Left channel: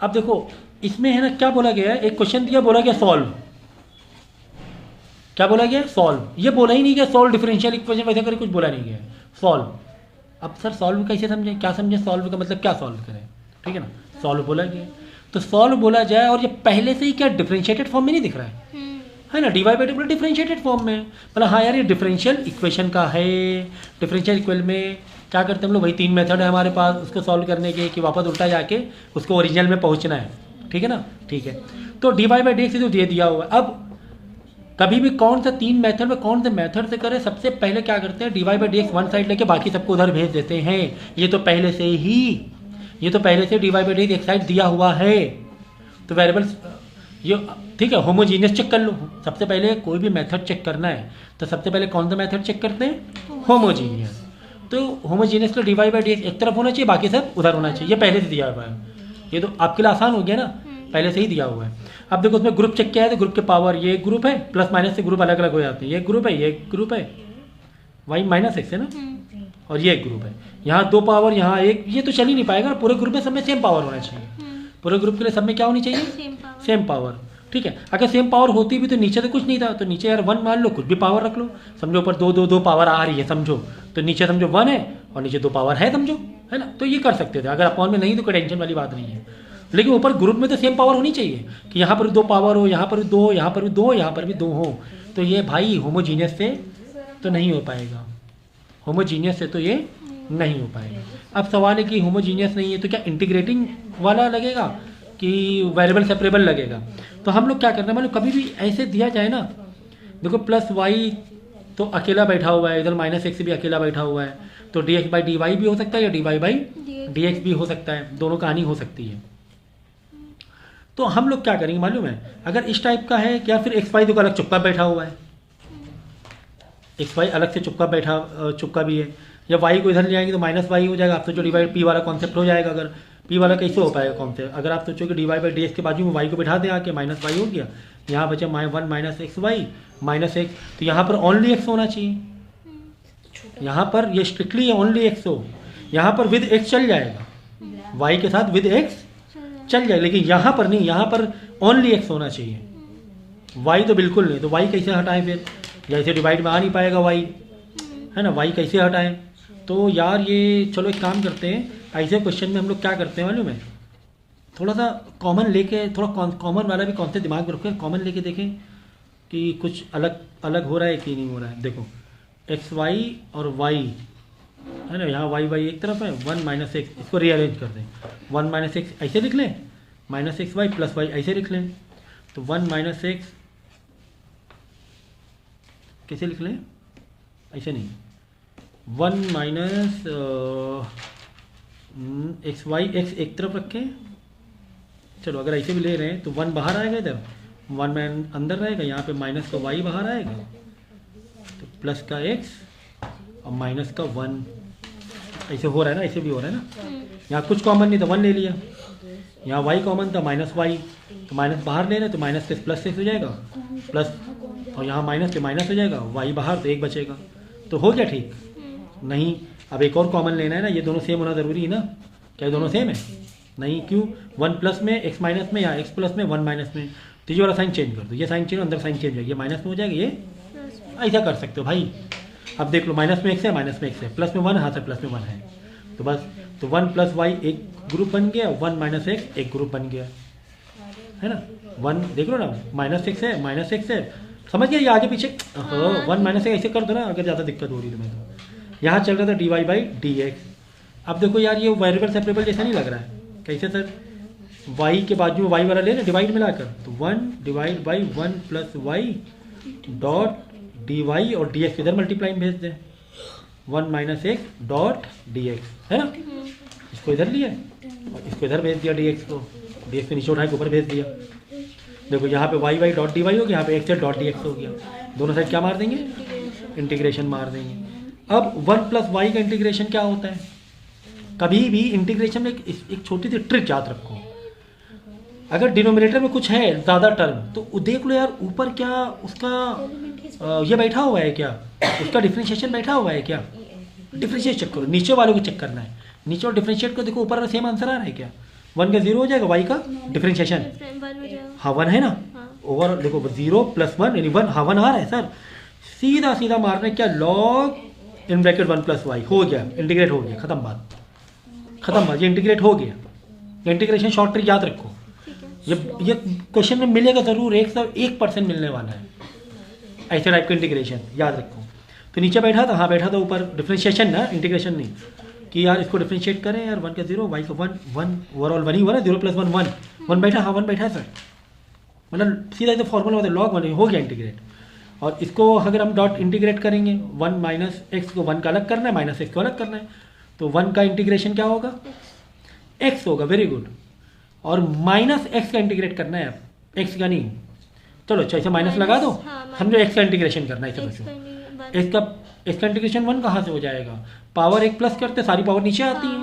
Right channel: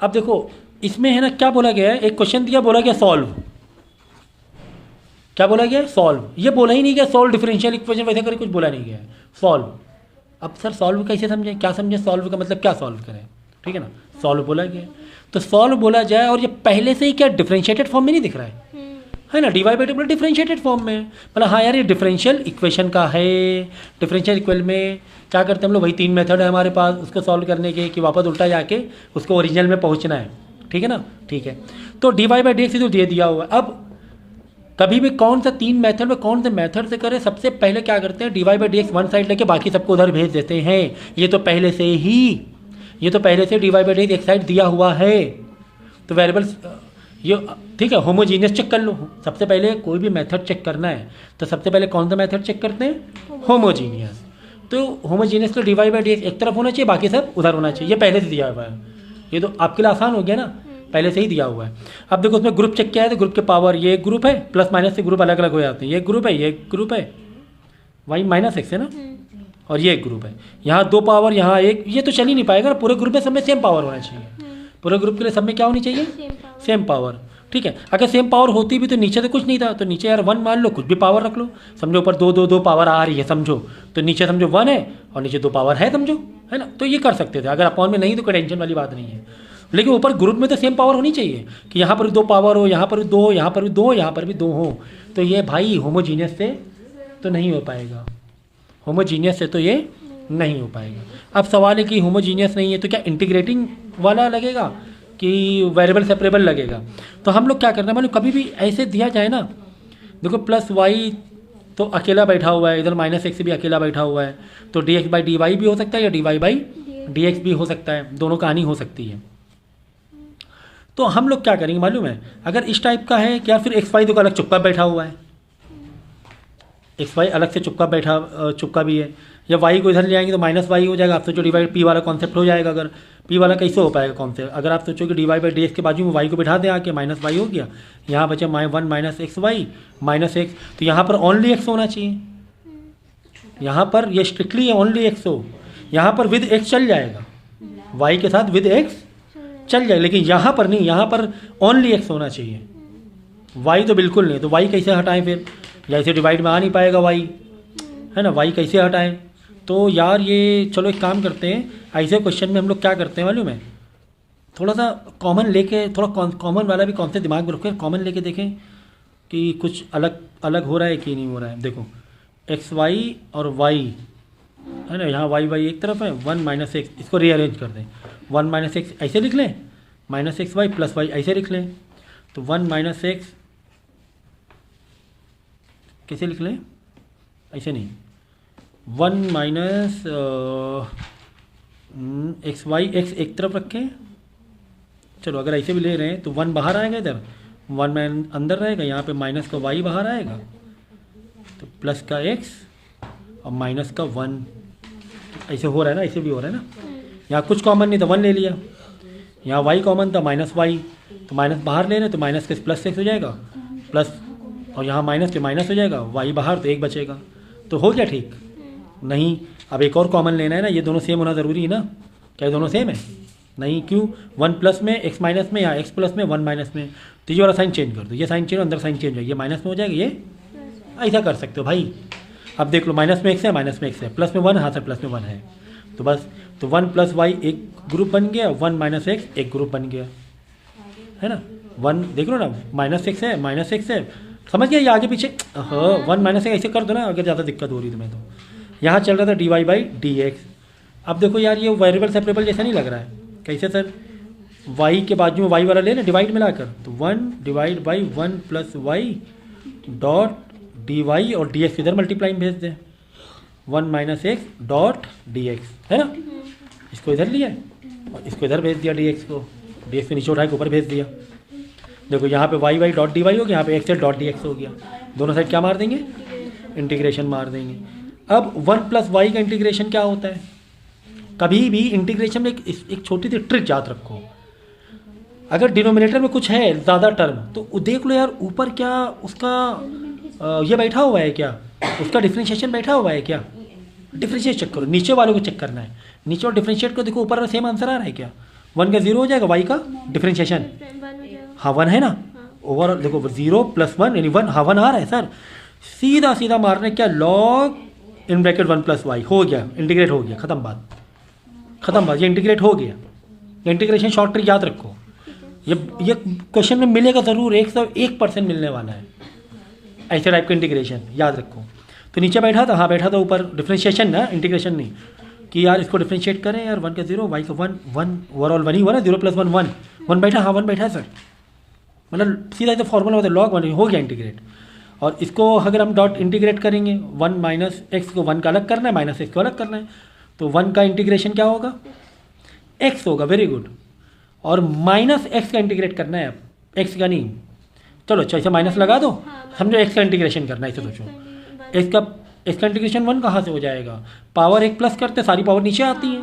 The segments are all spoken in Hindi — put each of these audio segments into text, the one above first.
अब देखो इसमें है ना क्या बोला गया है, एक क्वेश्चन दिया, बोला गया सॉल्व। क्या बोला गया? सॉल्व। ये बोला ही नहीं गया सॉल्व डिफरेंशियल इक्वेशन वैसे करके, कुछ बोला नहीं गया सॉल्व। अब सर सॉल्व कैसे समझें, क्या समझे सॉल्व का मतलब, क्या सॉल्व करें? ठीक है ना, सॉल्व बोला गया तो सॉल्व बोला जाए, और ये पहले से ही क्या डिफरेंशिएटेड फॉर्म में नहीं दिख रहा है ना, d y by d differentiated form में। मतलब हाँ यार ये डिफरेंशियल इक्वेशन का है। डिफरेंशियल इक्वेशन में क्या करते हैं हम लोग, वही 3 मेथड है हमारे पास उसको सॉल्व करने के, कि वापस उल्टा जाके उसको ओरिजिनल में पहुंचना है। ठीक है ना, ठीक है। तो डीवाई बाई डी एक्स जो दे दिया हुआ है, अब कभी भी कौन सा 3 मेथड में कौन से मेथड से करें, सबसे पहले क्या करते हैं, d y by d x one side लेके बाकी सबको उधर भेज देते हैं। ये तो पहले से डीवाई बाई डी एक्स एक साइड दिया हुआ है, तो वेरिएबल्स ये ठीक है। होमोजीनियस चेक कर लो, सबसे पहले कोई भी मेथड चेक करना है तो सबसे पहले कौन सा मेथड चेक करते हैं, होमोजीनियस। तो होमोजीनियस का डीवाई बाई डी एक्स एक तरफ होना चाहिए, बाकी सब उधर होना चाहिए, ये पहले से दिया हुआ है। ये तो आपके लिए आसान हो गया ना, पहले से ही दिया हुआ है। अब देखो उसमें ग्रुप चेक किया है, तो ग्रुप के पावर ये एक ग्रुप है, प्लस माइनस से ग्रुप अलग अलग हो जाते हैं, ये ग्रुप है, ये ग्रुप है, वाई माइनस एक्स है ना, और ये एक ग्रुप है। यहाँ 2 पावर, यहाँ एक, ये तो चल ही नहीं पाएगा, पूरे ग्रुप में सब में सेम पावर होना चाहिए। पूरे ग्रुप के लिए सब में क्या होनी चाहिए, सेम पावर। ठीक है, अगर सेम पावर होती भी तो नीचे तो कुछ नहीं था, तो नीचे यार 1 मान लो, कुछ भी पावर रख लो। समझो ऊपर 2 पावर आ रही है समझो, तो नीचे समझो 1 है और नीचे 2 पावर है समझो, है ना। तो ये कर सकते थे, अगर अपॉन में नहीं तो कोई टेंशन वाली बात नहीं है। लेकिन ऊपर ग्रुप में तो सेम पावर होनी चाहिए, कि यहाँ पर भी 2 पावर हो, यहाँ पर भी 2 हो, यहाँ पर भी 2 हो, यहाँ पर भी 2 हो। तो ये भाई होमोजीनियस से तो नहीं हो पाएगा, होमोजीनियस से तो ये नहीं हो पाएगा। अब सवाल है कि होमोजीनियस नहीं है तो क्या इंटीग्रेटिंग वाला लगेगा कि वेरिएबल सेपरेबल लगेगा। तो हम लोग क्या करते हैं, मतलब कभी भी ऐसे दिया जाए ना, देखो प्लस वाई तो अकेला बैठा हुआ है, इधर माइनस एक्स भी अकेला बैठा हुआ है, तो d x by d y भी हो सकता है, या d y by d x भी हो सकता है, दोनों कहानी हो सकती है। तो हम लोग क्या करेंगे मालूम है, अगर इस टाइप का है क्या, फिर एक्स वाई तो अलग चुपका बैठा हुआ है, एक्स वाई अलग से चुपका भी है, या वाई को इधर ले आएंगे तो माइनस वाई हो जाएगा। आप सोचो डिवाइड पी वाला कॉन्सेप्ट हो जाएगा, अगर पी वाला कैसे हो पाएगा कॉन्सेप्ट, अगर आप सोचो कि d y by d x के बाजू में वाई को बैठा दें आके, माइनस वाई हो गया, यहाँ बचे 1 minus x y minus x, तो यहाँ पर ओनली एक्स होना चाहिए, यहाँ पर ये स्ट्रिक्टली ओनली एक्स हो, यहाँ पर विद एक्स चल जाएगा, वाई के साथ विद एक्स चल जाए, लेकिन यहाँ पर नहीं, यहाँ पर ओनली एक्स होना चाहिए, वाई तो बिल्कुल नहीं। तो वाई कैसे हटाएं फिर, जैसे डिवाइड में आ नहीं पाएगा वाई, है ना, वाई कैसे हटाएं। तो यार ये चलो एक काम करते हैं, ऐसे क्वेश्चन में हम लोग क्या करते हैं मालूम है, थोड़ा सा कॉमन लेके, थोड़ा कॉमन वाला भी कॉन्सेप्ट दिमाग में रखें, कॉमन लेके देखें कि कुछ अलग अलग हो रहा है कि नहीं हो रहा है। देखो एक्स वाई और वाई है ना, यहाँ वाई वाई एक तरफ है, 1 माइनस एक्स, इसको रीअरेंज कर दें, 1 माइनस एक्स ऐसे लिख लें, minus x y plus y ऐसे लिख लें, तो 1 माइनस एक्स कैसे लिख लें, ऐसे नहीं, 1 माइनस एक्स वाई, एक्स एक तरफ रखें, चलो अगर ऐसे भी ले रहे हैं तो 1 बाहर आएगा, इधर 1 में अंदर रहेगा, यहाँ पे माइनस का वाई बाहर आएगा, तो प्लस का एक्स और माइनस का 1, ऐसे हो रहा है ना, ऐसे भी हो रहा है ना। यहाँ कुछ कॉमन नहीं था, 1 ले लिया, यहाँ वाई कॉमन था माइनस वाई, तो माइनस बाहर ले रहे तो माइनस के प्लस एक्स हो जाएगा, प्लस, और यहाँ माइनस के माइनस हो जाएगा, वाई बाहर तो 1 बचेगा, तो हो गया ठीक। नहीं, अब एक और कॉमन लेना है ना, ये दोनों सेम होना ज़रूरी है ना, क्या ये दोनों सेम है? नहीं, क्यों, 1 प्लस में एक्स माइनस में, या एक्स प्लस में 1 माइनस में, तो ये वाला साइन चेंज कर दो, ये साइन चेंज, अंदर साइन चेंज हो, ये माइनस में हो जाएगा, ये ऐसा कर सकते हो भाई। अब देख लो माइनस में एक्स है, माइनस में एक्स है, प्लस में 1, हाँ सर प्लस में 1 है, तो बस, तो 1 प्लस वाई एक ग्रुप बन गया, 1 माइनस एक्स एक ग्रुप बन गया, है ना। 1 देख लो ना, माइनस एक्स है, माइनस एक्स है, समझ गया, ये आगे पीछे, हाँ 1 माइनस एक्स ऐसे कर दो ना, अगर ज़्यादा दिक्कत हो रही है तुम्हें तो। यहाँ चल रहा था d y by d x, अब देखो यार ये वेरिएबल सेपरेबल जैसा नहीं लग रहा है, कैसे सर, वाई के बाजू में वाई वाला ले ना डिवाइड में लाकर, तो 1 divide by 1 plus y dot d y, और डी एक्स इधर मल्टीप्लाई भेज दें, 1 minus x dot d x, है ना, इसको इधर लिया और इसको इधर भेज दिया, डी एक्स को, डी एक्स को नीचे उठा के ऊपर भेज दिया। देखो यहाँ पे y y dot d y हो गया, यहाँ पे एक्स डॉट डी एक्स हो गया, दोनों साइड क्या मार देंगे, इंटीग्रेशन मार देंगे। अब 1 प्लस वाई का इंटीग्रेशन क्या होता है, कभी भी इंटीग्रेशन में एक छोटी सी ट्रिक याद रखो, अगर डिनोमिनेटर में कुछ है ज़्यादा टर्म तो देख लो यार ऊपर क्या उसका ये बैठा हुआ है क्या, उसका डिफ्रेंशिएशन बैठा हुआ है क्या, डिफ्रेंशिएट चेक करो, नीचे वालों को चेक करना है, नीचे और डिफ्रेंशिएट को देखो ऊपर सेम आंसर आ रहा है क्या, 1 का 0 हो जाएगा, y का डिफ्रेंशिएशन, हाँ 1 है ना, ओवर देखो 0 + 1 यानी 1, हाँ 1 आ रहा है सर, सीधा सीधा मारने क्या, log इन ब्रैकेट 1 + y हो गया, इंटीग्रेट हो गया, खत्म बात, खत्म बात, ये इंटीग्रेट हो गया। इंटीग्रेशन शॉर्ट ट्रिक याद रखो, ये क्वेश्चन में मिलेगा ज़रूर, 101% मिलने वाला है ऐसे टाइप का इंटीग्रेशन, याद रखो। तो नीचे बैठा था, हाँ बैठा था ऊपर, डिफ्रेंशिएशन ना, इंटीग्रेशन नहीं, कि यार इसको डिफ्रेंशिएट करें यार, 1 का 0 y का 1, 1 ओवरऑल 1 ही हुआ ना, 0 + 1 1 1 बैठा, हाँ 1 बैठा सर, मतलब सीधा सीधा फॉर्मूला होता है log 1 हो गया इंटीग्रेट। और इसको अगर हम डॉट इंटीग्रेट करेंगे, 1 माइनस एक्स को 1 का अलग करना है, माइनस एक्स को अलग करना है, तो 1 का इंटीग्रेशन क्या होगा, x होगा, वेरी गुड। और माइनस एक्स का इंटीग्रेट करना है, एक्स का नहीं, चलो अच्छा ऐसे माइनस लगा दो, समझो एक्स का इंटीग्रेशन करना है, इसे सोचो एक्स का इंटीग्रेशन 1 कहाँ से हो जाएगा, पावर 1 प्लस करते सारी पावर नीचे आती है,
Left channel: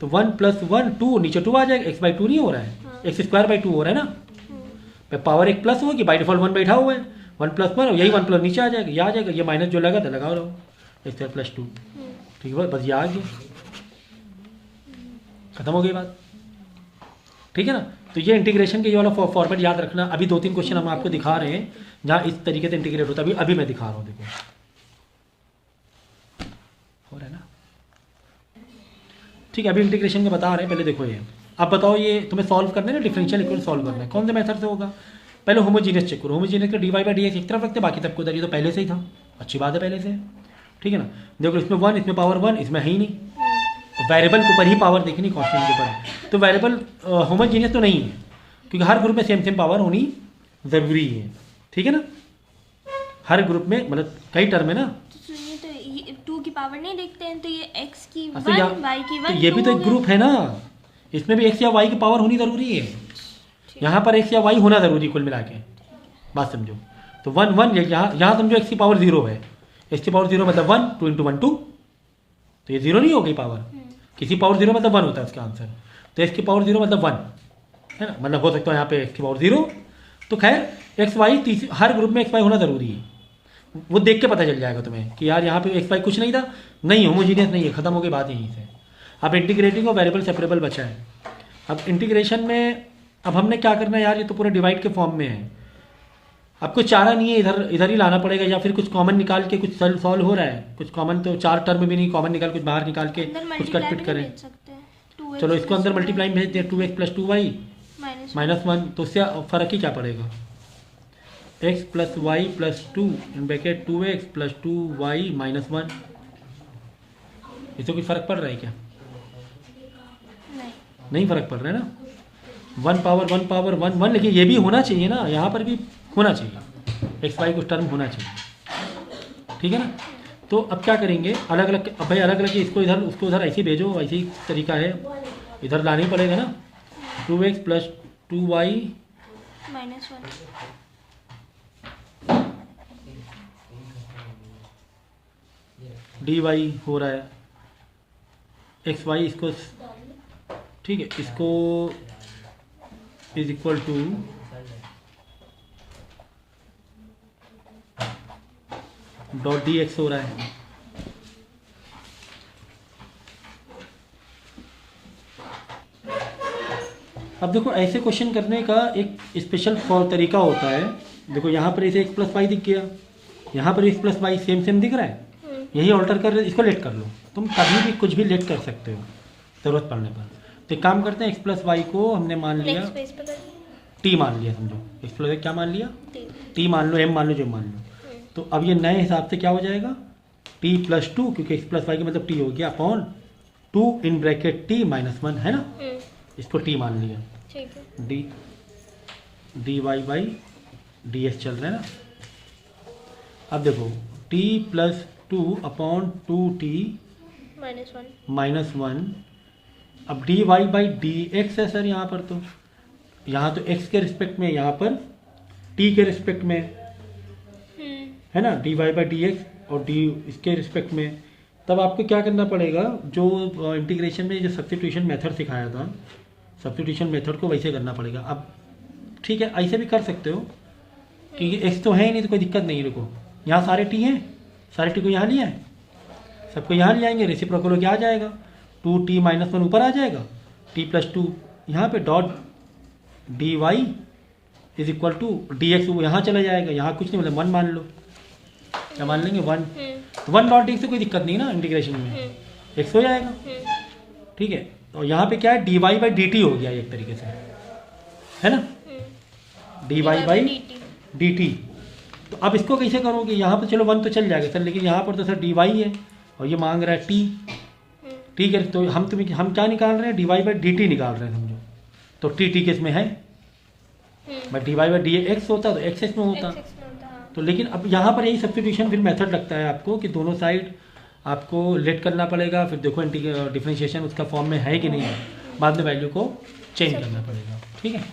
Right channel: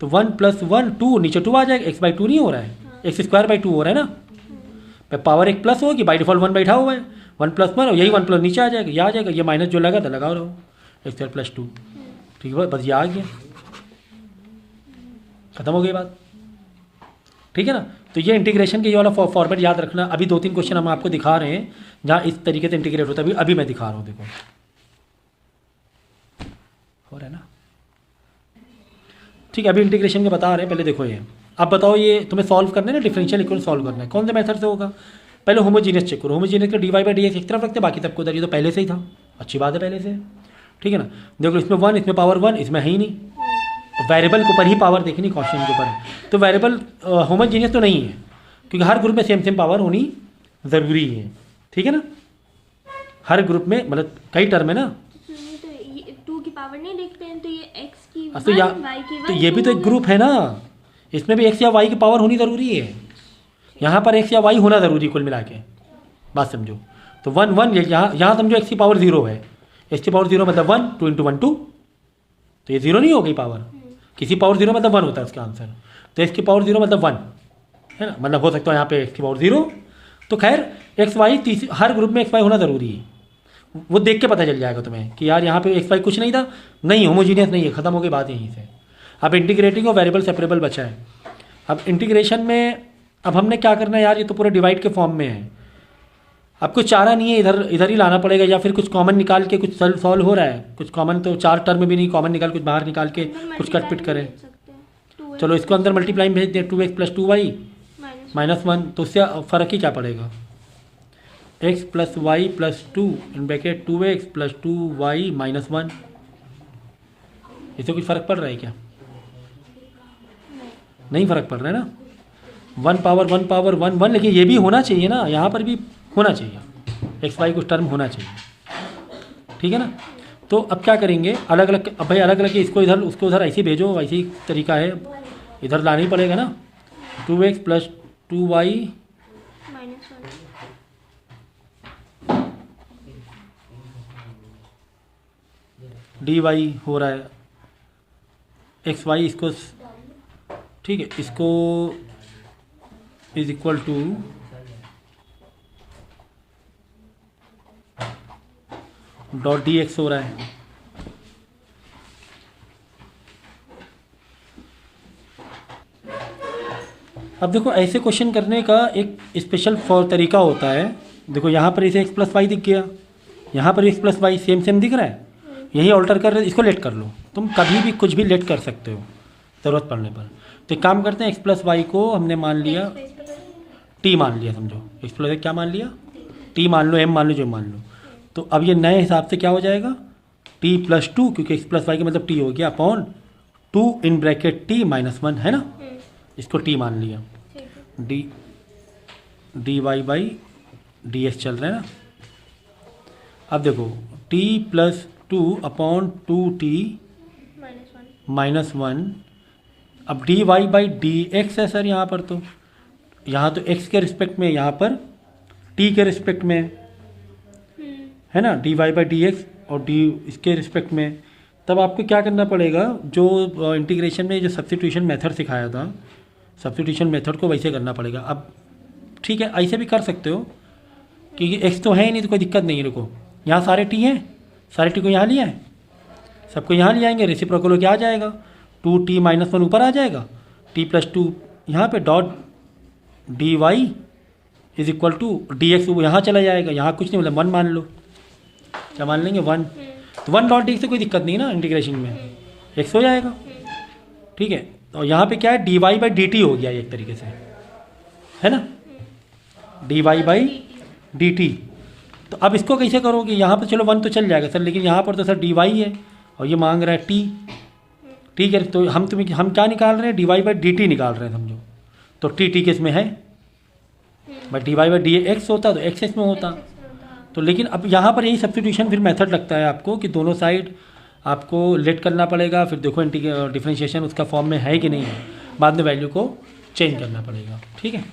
तो 1 + 1 2 नीचे 2 आ जाएगा, x/2 नहीं हो रहा है, x² 2 हो रहा है ना, पावर 1 प्लस होगी, बाई डिफॉल्ट 1 बैठा हुआ है, 1 + 1 और यही 1 प्लस नीचे आ जाएगा, ये आ जाएगा, ये माइनस जो लगा था लगा रहो, x² + 2, ठीक है बस ये आ गया, खत्म हो गई बात, ठीक है ना। तो ये इंटीग्रेशन के ये वाला फॉर्मेट याद रखना। अभी 2-3 क्वेश्चन हम आपको दिखा रहे हैं जहाँ इस तरीके से इंटीग्रेट होता है, अभी मैं दिखा रहा हूँ, देखो हो रहा है ना, ठीक है। अभी इंटीग्रेशन का बता रहे हैं, पहले देखो ये, अब बताओ ये तुम्हें सॉल्व करना है ना, डिफरेंशियल इक्वेशन सॉल्व करना है, कौन से मेथड से होगा, पहले होमोजीनियस चेक करो, होमोजीनियस का dy/dx एक तरफ रखते, बाकी सबको उधर, ये तो पहले से ही था, अच्छी बात है पहले से, ठीक है ना। देखो इसमें 1, इसमें पावर 1, इसमें है ही नहीं, वेरिएबल के ऊपर ही पावर देखनी, कॉन्स्टेंट के ऊपर, तो वेरिएबल होमोजीनियस तो नहीं है, क्योंकि हर ग्रुप में सेम पावर होनी ज़रूरी है, ठीक है ना, हर ग्रुप में, मतलब कई टर्म है ना, तो 2 की पावर नहीं देखते हैं, तो ये x की 1 तो y की 1, तो ये भी तो एक ग्रुप है ना, इसमें भी x या y की पावर होनी ज़रूरी है, यहाँ पर x या y होना ज़रूरी, कुल मिला के बात समझो। तो 1 1 यहाँ समझो x की पावर 0 है, x की पावर 0 मतलब 1, 2 × 1 2, तो ये 0 नहीं हो गई पावर, किसी पावर 0 मतलब 1 होता है इसका आंसर, तो x की पावर 0 मतलब 1 है ना, मतलब हो सकता है यहाँ पे x की पावर 0, तो खैर एक्स वाई हर ग्रुप में एक्स वाई होना ज़रूरी है, वो देख के पता चल जाएगा तुम्हें कि यार यहाँ पे एक्स वाई कुछ नहीं था, नहीं होमोजीनियस नहीं है, खत्म हो गई बात यहीं से। अब इंटीग्रेटिंग और वेरिएबल सेपरेबल बचा है। अब इंटीग्रेशन में अब हमने क्या करना है यार, ये तो पूरा डिवाइड के फॉर्म में है, अब कुछ चारा नहीं है, इधर ही लाना पड़ेगा, या फिर कुछ कॉमन निकाल के कुछ सॉल्व हो रहा है, कुछ कॉमन तो 4 टर्म भी नहीं, कॉमन निकाल कुछ बाहर निकाल के कुछ कट पिट करें, चलो इसको अंदर मल्टीप्लाई भेज दें, 2x + 2y -1, तो उससे फ़र्क ही क्या पड़ेगा, x + y + 2 in bracket 2x + 2y -1, इससे कुछ फ़र्क पड़ रहा है क्या, नहीं फ़र्क पड़ रहा है ना, 1 पावर 1 1, लेकिन ये भी होना चाहिए ना, यहाँ पर भी होना चाहिए, x y कुछ टर्म होना चाहिए, ठीक है ना। तो अब क्या करेंगे, अलग अलग, अब भाई अलग अलग इसको इधर उसको उधर ऐसे भेजो, वैसे ही तरीका है, इधर लाना ही पड़ेगा ना, 2x + 2y dy हो रहा है, एक्स वाई इसको, ठीक है, इसको = .dx हो रहा है। अब देखो ऐसे क्वेश्चन करने का एक स्पेशल तरीका होता है, देखो यहाँ पर इसे x + y दिख गया, यहाँ पर x + y सेम दिख रहा है, यही ऑल्टर कर रहे, इसको लेट कर लो, तुम कभी भी कुछ भी लेट कर सकते हो ज़रूरत पड़ने पर। तो एक काम करते हैं, x + y को हमने मान लिया t मान लिया, समझो x + y क्या मान लिया, t मान लो, m मान लो, जो मान लो, तो अब ये नए हिसाब से क्या हो जाएगा, t + 2, क्योंकि x + y का मतलब t हो गया, अपॉन 2 इन ब्रैकेट t -1 है ना, इसको t मान लिया, dy/dx चल रहा है ना। अब देखो t + 2 अपॉन 2t -1, अब dy/dx है सर यहाँ पर, तो यहाँ तो x के रिस्पेक्ट में, यहाँ पर t के रिस्पेक्ट में है ना, dy/dx और d इसके रिस्पेक्ट में। तब आपको क्या करना पड़ेगा, जो इंटीग्रेशन में जो सब्स्टिट्यूशन मेथड सिखाया था, सब्स्टिट्यूशन मेथड को वैसे करना पड़ेगा। अब ठीक है, ऐसे भी कर सकते हो, क्योंकि x तो है ही नहीं, तो कोई दिक्कत नहीं है। देखो यहाँ सारे t हैं, सारे t को यहाँ लिया है, सबको यहाँ ले आएंगे, रेसिप्रोकल होकर आ जाएगा, 2t - 1 ऊपर आ जाएगा, t + 2 यहाँ पे dot d y is equal to d x, वो यहाँ चला जाएगा, यहाँ कुछ नहीं, मतलब 1 मान लो, क्या मान लेंगे 1, तो 1 डॉट डी से कोई दिक्कत नहीं ना इंटीग्रेशन में, एक्स हो जाएगा, ठीक है। और यहाँ पे क्या है, d y by d t हो गया एक तरीके से, है ना, d y by d t. तो अब इसको कैसे करोगे, यहाँ पर चलो 1 तो चल जाएगा सर, लेकिन यहाँ पर तो सर डी वाई है और ये मांग रहा है टी, ठीक है। तो हम क्या निकाल रहे हैं, d y by d t निकाल रहे हैं समझो, तो टी टी किस में है, but d y by d x होता तो एक्स एक्स में होता। तो लेकिन अब यहाँ पर यही सब्स्टिट्यूशन फिर मेथड लगता है आपको कि दोनों साइड आपको लेट करना पड़ेगा, फिर देखो डिफरेंशिएशन उसका फॉर्म में है कि नहीं है, बाद में वैल्यू को चेंज करना पड़ेगा, ठीक है।